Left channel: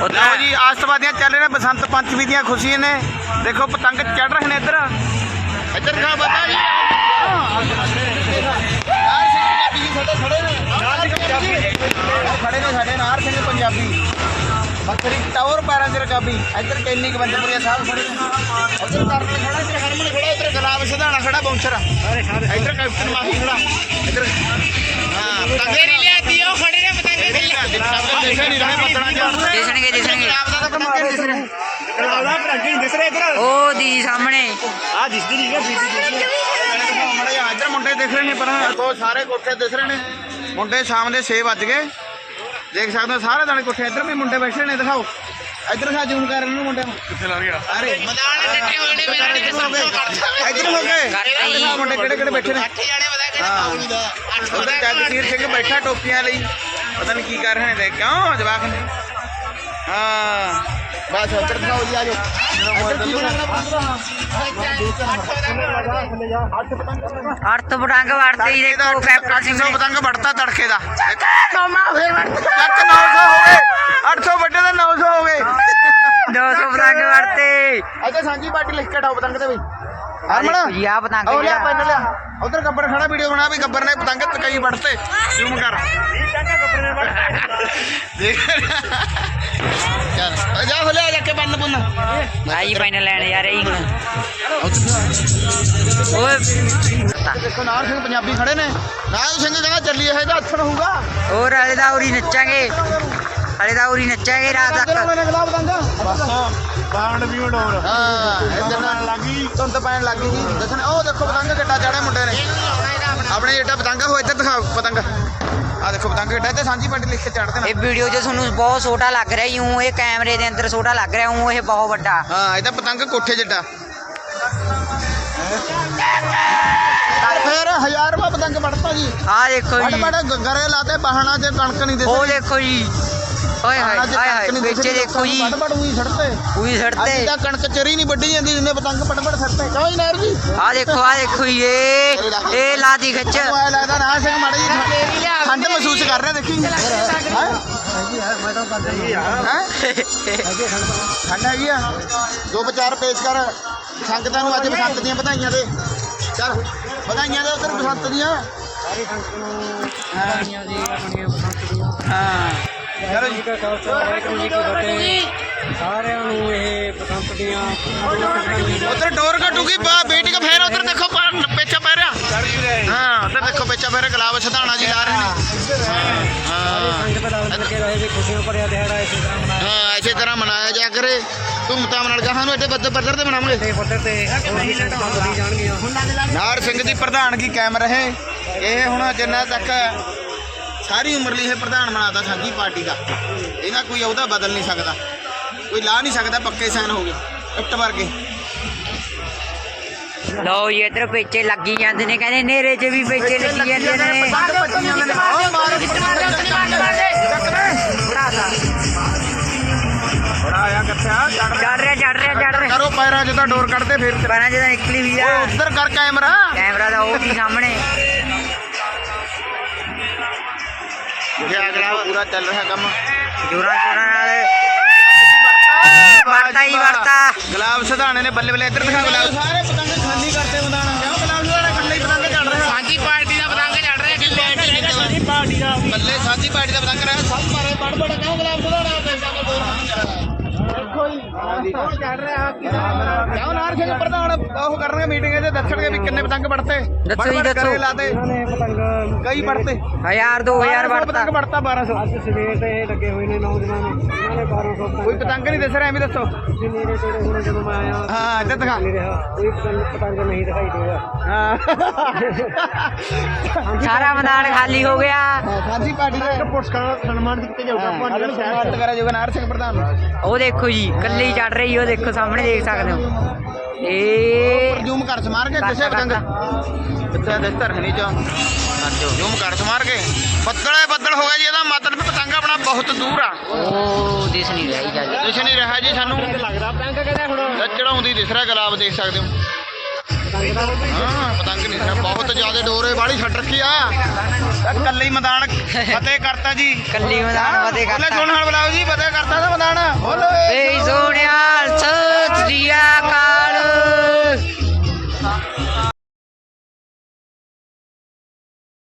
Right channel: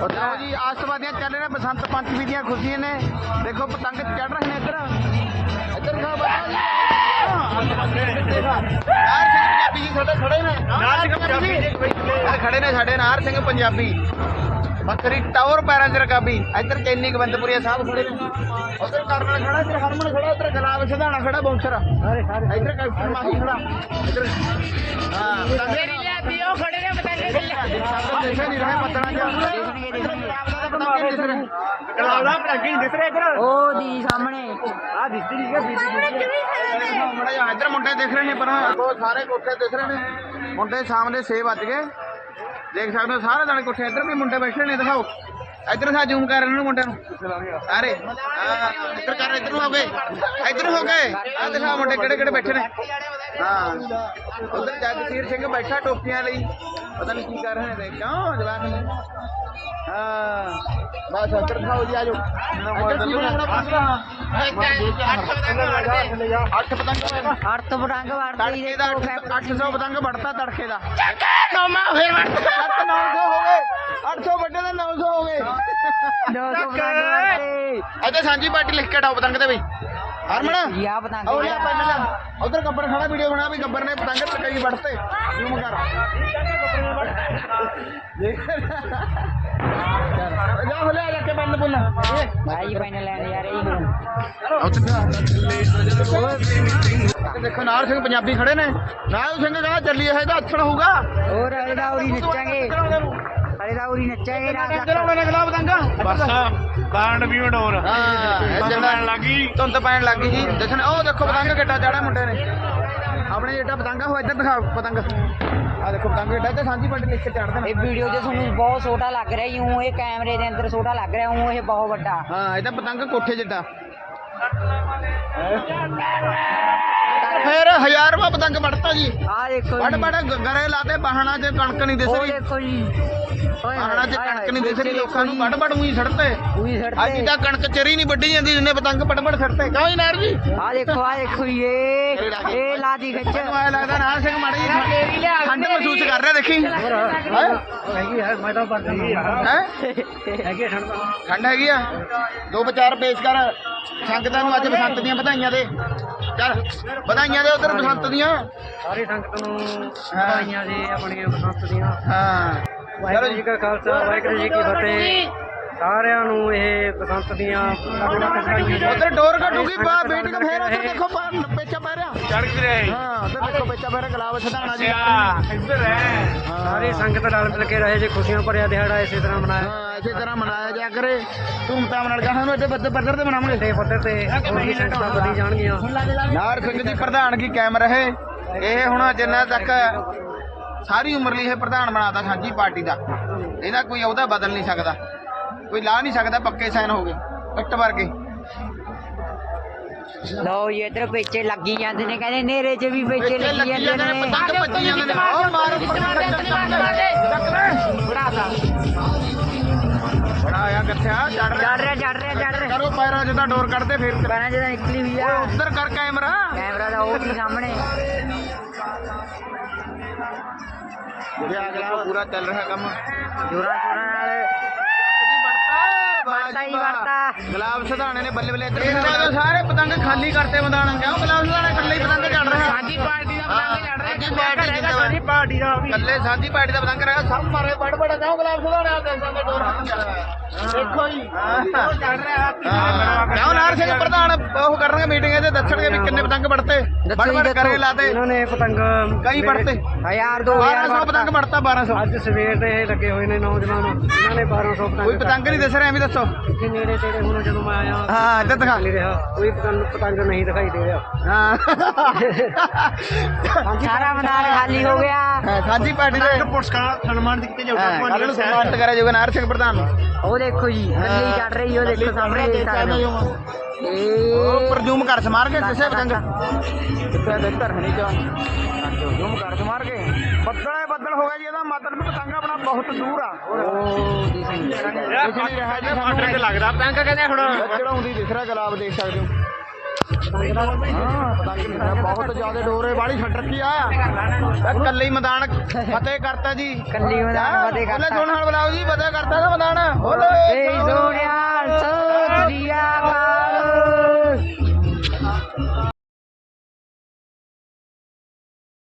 ਲਓ ਜੀ ਆਸਤਵਾਦੀਆਂ ਚੱਲ ਰਹੇ ਨੇ ਬਸੰਤ ਪੰਚਮੀ ਦੀਆਂ ਖੁਸ਼ੀਆਂ ਨੇ। ਦੇਖੋ ਪਤੰਗ ਚੜ ਰਹੇ ਨੇ ਇੱਧਰ। ਇੱਧਰ ਖਾ ਬਤਾ ਜੀ। ਖੜੇ ਨੇ ਸਾਡੇ ਨਾਰ ਸਿੰਘ ਪੰਜਾਬੀ। ਬੱਕਰੀ ਟਾਵਰ ਪੈਰਾਂ ਚ ਰਕਾਬੀ। ਇੱਧਰ ਕੈਨੀ ਗਵੰਦਪੁਰੀਆ ਸਾਹਿਬ ਖੜੇ ਨੇ। ਉੱਧਰ ਕਰਨਲ ਖੜਾ ਇੱਧਰ ਹਰਮਨ ਖੜਾ ਇੱਧਰ ਗੁਲਾਬ ਸਿਧਾਣਾ ਖੜਾ ਬੌਂਸਰ। ਇੱਧਰ ਕੈਪਟਨ ਮਾਹੀ ਖੜਾ। ਇੱਧਰ ਤੰਗੇਰੀ ਲਿਆਤੀ ਉਹ ਖੜੇ ਨੇ ਪਤੰਗੇ ਦੇਖੇ ਨਹੀਂ ਰਹੇ ਪਤਣਾ ਚ ਦਿਸਣਗੇ ਦਿਸਣਗੇ। ਗੁਲਾਬ ਦਾ ਤਾਂ ਪਤੰਗ ਨਹੀਂ ਦਿਸ ਰਿਹਾ? ਉਹ ਦੀ ਸਾਹਮਣੇ। ਮੜੇ ਇੱਧਰ ਮੁੰਡੇ ਦਿਖ ਰਹੇ ਨੇ ਪਰ ਉਹ ਸਾਰੇ ਕੋਠੇ ਦਿਸ ਰਹੇ ਨੇ। ਮੁੰਡੇ ਸ਼ਾਮ ਦੇ 6 ਵੱਜ ਗਏ। ਦੇਖ ਸਕਦੇ ਹੋ ਸਾਰੇ ਦਾਣੇ ਕੋਠੇ ਇੱਧਰ ਵੀ ਮੁੰਡੇ ਬੈਠੇ ਨੇ ਦਿਖਾਓ। ਇੱਧਰ ਸਾ ਜ਼ੂਮ ਕਰ ਇਹਨਾਂ ਨੂੰ ਮੁੰਡਿਆਂ ਨੂੰ। ਕਿੱਥੇ ਲਾ ਰਿਹਾ ਸਾਰੇ। ਮੈਦਾਨ ਇਕੱਠੇ ਹੋਏ ਨੇ ਮੇਰਾ ਨਹੀਂ ਸਭ ਇੱਧਰ ਹੋ ਗਏ। ਮੁੰਡੇ ਕਿਹੜੇ ਕਿਹੜੇ ਬੈਠੇ ਨੇ? 8 ਜਾਣੇ ਪਤਾ ਕਿਹੜਾ ਪਾਉਣੀ ਦਾ। ਜਗਸੀਰ ਸਿੰਘ ਬੈਠਾ ਟੋਪੀਆਂ ਲਈ। ਪਤਾ ਨਹੀਂ ਕੀ ਕਰ ਰਹੇ ਨੇ। ਦੇਖ ਕਿਉਂ ਜਵਾਕ ਨੇ? ਹਾਂ। ਬਸ ਇੱਧਰ ਦਿਖਾਓ ਜੀ ਆਜੋ ਅੱਠ ਪਤੰਗ ਅਰਥ ਪਟੰਗ ਵੜਦੇ ਹੀ ਦੇਖੋ ਕੈਪਟਨ ਸਿੰਘ ਨੇ ਪਤੰਗ ਵੜਤਾ ਤੜਕੇ ਦਾ। ਮਾਮਾ ਫੇਰ ਚੱਕ 900 ਹੋ ਗਏ। 800 ਵੱਡੇ ਦਾ 900 ਹੋ ਗਏ। 200 ਪਤੰਗ ਵੜਤੇ। ਇੱਥੇ ਸਾਂਝੀ ਪਾਰਟੀ ਲਿਖ ਕੇ ਹਟਾਓ ਪਤੰਗ ਤੇ ਬਈ। ਹਰਮਨ? ਜੀ ਆ ਪਤੰਗ ਉਹ ਲਿਆ ਜਿਹੜਾ। ਪੈਨ ਲਿਆ। ਉਧਰ ਗੱਬਰ ਖੜਾ ਵੀਡੀਓ ਬਣਾ ਵੀ ਗੱਬਰ ਨੇ ਪਤੰਗ ਤਕਈ ਵੜਤੇ। ਜ਼ੂਮ ਕਰ। ਦੇਖ। ਨਾਲ ਸਿੰਘ ਪੰਜਾਬੀ ਖੜੇ ਨੇ। ਨਾਲ ਸਿੰਘ ਕਹਿੰਦਾ ਚੱਲੀ ਇਹ ਜਾਂ ਅੱਥਣ ਹੋਊਗਾ। ਹੋਰ ਹਲੇ ਦਾ ਉਰੀ ਨੱਚਾਂਗੇ। ਹਲੇ ਦਾ ਉਰੀ ਨੱਚਾਂਗੇ ਰਾਤ ਤੱਕ। ਮੈਨੂੰ ਬਸ ਬਾਂਡ ਵੀ ਉਡੋਰ ਹਾਂ। ਬਾਂਡ ਲੱਗੀ ਧੁੰਦ ਪੈਣ ਲੱਗ ਗਈ। ਜੀ ਦੱਸਣ ਉਹ ਦੇਖੋ ਪਤੰਗ ਕਿੱਡਾ ਚੜਾ ਮੁੰਡੇ ਨੇ। ਆਪਣੇ ਜਿਹੜਾ ਪਤੰਗਾ ਹੋ ਇੱਧਰ ਦਿਖਾਓ ਪਤੰਗ। ਆ ਦੇਖੋ ਪਤੰਗ ਕਿੱਡਾ ਤੇ ਸਾਂਝੀ ਪਿੰਡ ਲਿਖ ਕੇ ਚੜਦੇ ਨੇ ਇਹ ਵੀਡੀਓ 'ਚ ਤੁਹਾਨੂੰ ਬਹੁਤ ਛੋਟਾ ਲੱਗ ਰਿਹਾ ਯੂੰ ਇਹ ਕੈਮਰੇ ਦੇ ਅੰਦਰ ਛੋਟਾ ਲੱਗ ਰਿਹਾ ਹੂੰ ਇਹ ਬਹੁਤ ਵੱਡਾ। ਹਾਂ ਇਹਦਾ ਪਤੰਗ ਕੋਠੇ ਜਿੱਡਾ। ਫਿਰ ਰੁਪਏ ਪਤੰਗ ਵੜਤਾ ਜੀ। ਆ ਦੇਖੋ ਜੀ। ਬੜੇ ਗਰੇ ਲਾਤੇ ਬਾਹਣਾ ਤੇ ਕਣਕ ਨਹੀਂ ਦੇ ਉਹ ਦੇਖੋ ਜੀ। ਓਏ ਹਾਏ ਹਾਏ ਹਾਏ ਵਿੱਚ ਦੇਖੋ ਜੀ। ਬੜ ਬੜ ਉਹੀ ਛੜਤੇ ਉਹੀ ਅੱਜ ਛੱਡਤੇ ਤਾਂ ਕਣਕ ਚਰੀ ਨਹੀਂ ਵੱਢੀ ਜਾਂਦੀ ਜਿੰਨੇ ਪਤੰਗ ਬੜ ਬੜ ਛੜਤੇ ਕਿਉਂ ਜੀ ਨਾਰ ਜੀ? ਆ ਦੇਖੋ ਆ ਦੇਖੋ ਜੀ ਇਹ ਇਹ ਲਾਦੀ ਖਿੱਚ। ਮੈਨੂੰ ਐਂ ਲੱਗਦਾ ਨਾ ਸਿੰਘ ਮਾੜੀ ਜੀ। ਠੰਡ ਮਹਿਸੂਸ ਕਰ ਰਿਹਾ ਦੇਖੀ। ਹੈਗੀ ਹੈ? ਤਾਂ ਠੰਡ ਹੈਗੀ ਆ? ਦੋ ਵਿਚਾਰ ਪੇਸ਼ ਕਰ। ਸੰਗਤਾਂ ਨੂੰ ਅੱਜ ਬਸੰਤ ਦੀਆਂ ਵਧਾਈਆਂ ਦੇ। ਚੱਲ ਵਧਾਈਆਂ ਦੇ ਉਧਰ ਬਸੰਤ ਦੀਆਂ। ਸਾਰੇ ਸੰਗਤ ਨੂੰ ਵਧਾਈਆਂ ਜੀ ਆਪਣੀਆਂ ਬਸੰਤ ਦੀਆਂ। ਹਾਂ। ਵਾਹਿਗੁਰੂ ਜੀ ਕਾ ਖਾਲਸਾ ਵਾਹਿਗੁਰੂ ਜੀ ਕੀ ਫਤਿਹ। ਸਾਰਿਆਂ ਨੂੰ ਇਹ ਬਸੰਤ ਦੀਆਂ ਉਧਰ ਡੋਰ ਘਟੂਗੀ ਬਾ ਬੇਟੀ ਕਾ ਫੇਰ ਉਧਰ ਦੇਖੋ ਪੇਚਾ ਪੈ ਰਿਹਾ। ਹਾਂ ਉਧਰ ਦੇਖੋ ਪੇਚਾ ਪੈ ਰਿਹਾ ਗੁਲਾਬ ਸਧਾਣਾ ਜੀ ਲਾ ਰਹੇ ਨੇ। ਇੱਧਰ ਹੈ। ਸਾਰੇ ਸੰਗਤ ਨਾਲ ਮਿਲ ਕੇ ਰਹੇ ਜੀ ਖੁਸ਼ੀਆਂ ਭਰਿਆ ਦਿਹਾੜਾ ਇਸੇ ਤਰ੍ਹਾਂ ਮਨਾਇਆ। ਹਾਂ ਇਸੇ ਤਰ੍ਹਾਂ ਮਨਾਇਆ ਜਾ ਕਰੇ। ਧੂਮਧਾਮ ਨਾਲ ਜਹਾਂ ਨੂੰ ਇੱਥੇ ਬੱਦਰ ਬੱਦਰ ਤੇ ਮਨਾਵਾਂਗੇ। ਤੇ ਪੱਧਰ ਤੇ ਹੋਰ ਵੀ ਸੰਗਤਾਂ ਵਧੀ ਜਾਣਗੀਆਂ। ਨਾਰ ਸਿੰਘ ਦੀ ਪ੍ਰਧਾਨਗੀ ਕਾਇਮ ਰਹੇ? ਇਹ ਹੁਣ ਜਿੰਨਾ ਤੱਕ ਸਾਰੀ ਉਮਰ ਲਈ ਇਹ ਪ੍ਰਧਾਨ ਬਣਾਤਾ ਸਾਂਝੀ ਪਾਰਟੀ ਦਾ। ਇਹਨਾਂ ਕੋਈ ਉਹਦਾ ਬਦਲ ਨਹੀਂ ਸਕਦਾ। ਕੋਈ ਲਾ ਨਹੀਂ ਸਕਦਾ ਪੱਕੇ ਸਾਨ ਹੋ ਗਏ ਇੱਟ ਵਰਗੇ। ਜੀ ਇਧਰ ਪੇਚੇ ਲੱਗੀ ਜਾਂਦੇ ਨੇ ਕਹਿੰਦੇ ਨੇਰੇ 'ਚ ਵੀ ਪੇਚੇ ਲੱਗੀ ਜਾਂਦੇ ਨੇ। ਬੜਾ ਆਇਆ ਕੱਥਿਆ ਚੜ ਰਿਹਾ ਚੜ ਰਿਹਾ ਚੜ ਰਿਹਾ। ਕਰੋ ਪੈਰਾਂ ਜਿੱਦਾਂ ਡੋਰ ਕੱਢਦੇ ਫਿਰ। ਬਾਰਾਂ ਜਦੋਂ ਨਿਕਲੀ ਵੀ ਆ। ਉੱਧਰ ਕਰ ਕੈਮਰਾ। ਕੈਮਰਾ ਦਾ ਉਹ ਵੀ ਸਾਹਮਣੇ। ਇਹ ਅਗਲਾ ਪੂਰਾ ਚੱਲ ਰਿਹਾ ਕੰਮ। ਜੋਰਾਂ ਸ਼ੋਰਾਂ ਨਾਲ। ਵਰਤਾ ਹੀ ਵਰਤਾ। ਗੁਲਾਬ ਸਿਧਾਣੇ ਨੇ ਬੱਲੇ ਬੱਲੇ ਇੱਧਰ ਵੀ ਸਾਰੇ ਪਤੰਗ ਖਾਲੀ ਕਰਤੇ ਮੈਦਾਨ ਕਿਉਂ ਗੁਲਾਬ ਸਿਧਾਣੇ ਇਕੱਲੇ ਹੀ ਪਤੰਗ ਚੜ ਰਹੇ ਸਾਂਝੀ ਪਾਰਟੀ ਦਾ ਪਤੰਗ ਚੜ ਰਿਹਾ ਪਾਰਟੀ ਜਿੰਦਾਬਾਦ ਪਾਰਟੀ ਦਾ ਇਕੱਲੇ ਸਾਂਝੀ ਪਾਰਟੀ ਦਾ ਪਤੰਗ ਰਿਹਾ ਸਭ ਮਾਰੇ ਬੜ ਬੜ ਕਿਉਂ ਗੁਲਾਬ ਸਿਧਾਣੇ ਆ ਦੇਖ ਜਾਂਦੇ ਦੋ ਰੰਗ ਦੇਖੋ ਜੀ। ਚੜ ਰਿਹਾ ਕਿਉਂ ਨਾਰ ਸਿੰਘ ਪ੍ਰਧਾਨ ਉਹ ਕਰਨਗੇ ਮੀਟਿੰਗ ਇਹਦੇ ਦੱਸਣਗੇ ਵੀ ਕਿੰਨੇ ਪਤੰਗ ਵੜਤੇ ਦੱਸੋ ਜੀ, ਦੱਸੋ। ਇਹਨਾਂ ਨੇ ਪਤੰਗ ਕਈ ਵੜਤੇ ਹਜ਼ਾਰ ਦੋ ਹਜ਼ਾਰ ਵੜਤਾ ਪਤੰਗ ਵੜਤਾ 1200 ਅੱਜ ਸਵੇਰ ਦੇ ਇਹ ਲੱਗੇ ਹੋਏ ਨੇ ਨੌਜਵਾਨ। ਇਹਨਾਂ ਨੇ 1200 ਪਤੰਗ ਕੋਈ ਪਤੰਗ ਨਹੀਂ ਦਿਸ ਰਿਹਾ ਐਵੇਂ ਦੱਸੋ। ਇੱਥੇ ਨੇੜੇ ਤੇੜੇ ਹੁਣ ਜਦੋਂ ਮੈਂ ਆਇਆ ਹਾਂ ਇੱਧਰ ਦਿਖਾ। ਨਹੀਂ ਰਿਹਾ। ਕੋਈ ਪਤੰਗ ਪਤੰਗ ਨਹੀਂ ਦਿਖਾਈ ਦੇ ਰਿਹਾ। ਹਾਂ। ਸਾਰਾ ਮੈਦਾਨ ਖਾਲੀ ਹੋ ਗਿਆ। ਸਾਂਝੀ ਪਾਰਟੀ ਦਾ ਪੁਰਸਕਾਰ ਸਨਮਾਨ ਦਿੱਤੇ ਕੱਲ ਨੂੰ ਸਨਮਾਨਿਤ ਕਰਿਆ ਜਾਊਗਾ ਨਾਰ ਸਿੰਘ ਪ੍ਰਧਾਨ ਉਹ ਦੇਖੋ ਜੀ ਕੱਲੀ ਚੜ ਰਹੀ ਉਹ ਦੇਖੋ ਸਾਹਮਣੇ ਦੇਖ ਸਕਦੇ ਹੋ। ਇਹ ਉੱਪਰ ਜ਼ੂਮ ਕਰ ਸਮਾਰ ਕੇ ਕਿਸੇ ਪਤੰਗ। ਕਿੱਥੇ ਦੇ ਧਰਨੀ ਚ। ਜ਼ੂਮ ਕਰ ਸਮਾਰ ਕੇ। ਬੱਦਲੇ ਬੱਦਲ ਹੋ ਗਿਆ ਜੀ ਇਹਦਾ ਮਤਲਬ ਪਤੰਗ ਆਪਣਾ ਬਹੁਤ ਦੂਰ ਆ। ਉਹ ਦਿਸ ਨਹੀਂ ਰਹੀ ਗੱਲ ਕੁਛ ਨਹੀਂ ਰਿਹਾ ਜੀ ਸਾਨੂੰ ਲੱਗਦਾ ਪਤੰਗ ਕਹਿੰਦੇ ਹੁਣ। ਚੜਾਉਂਦੀ ਦਿਸ ਰਿਹਾ ਗੁਲਾਬ ਦੇਖ ਸਕਦੇ ਹੋ। ਹਾਂ ਪਤੰਗ ਨਹੀਂ ਸੀ ਬਹੁਤ ਜ਼ਿਆਦਾ ਡੋਰੇ ਵਾਲੀ ਛੱਡ ਰੱਖੀ ਆ। ਕੱਲੇ ਮੈਦਾਨ ਫਤਿਹ ਕਰਤਾ ਜੀ। ਕੱਲੀ ਮੈਦਾਨ ਫਤਿਹ ਬੋਲੇ ਕਰਤਾ। ਸੁਣ ਹਾਲ ਬੁਲਾਓ ਜੀ ਫਤਿਹ ਕਰਤਾ ਦਾ ਮੈਦਾਨ।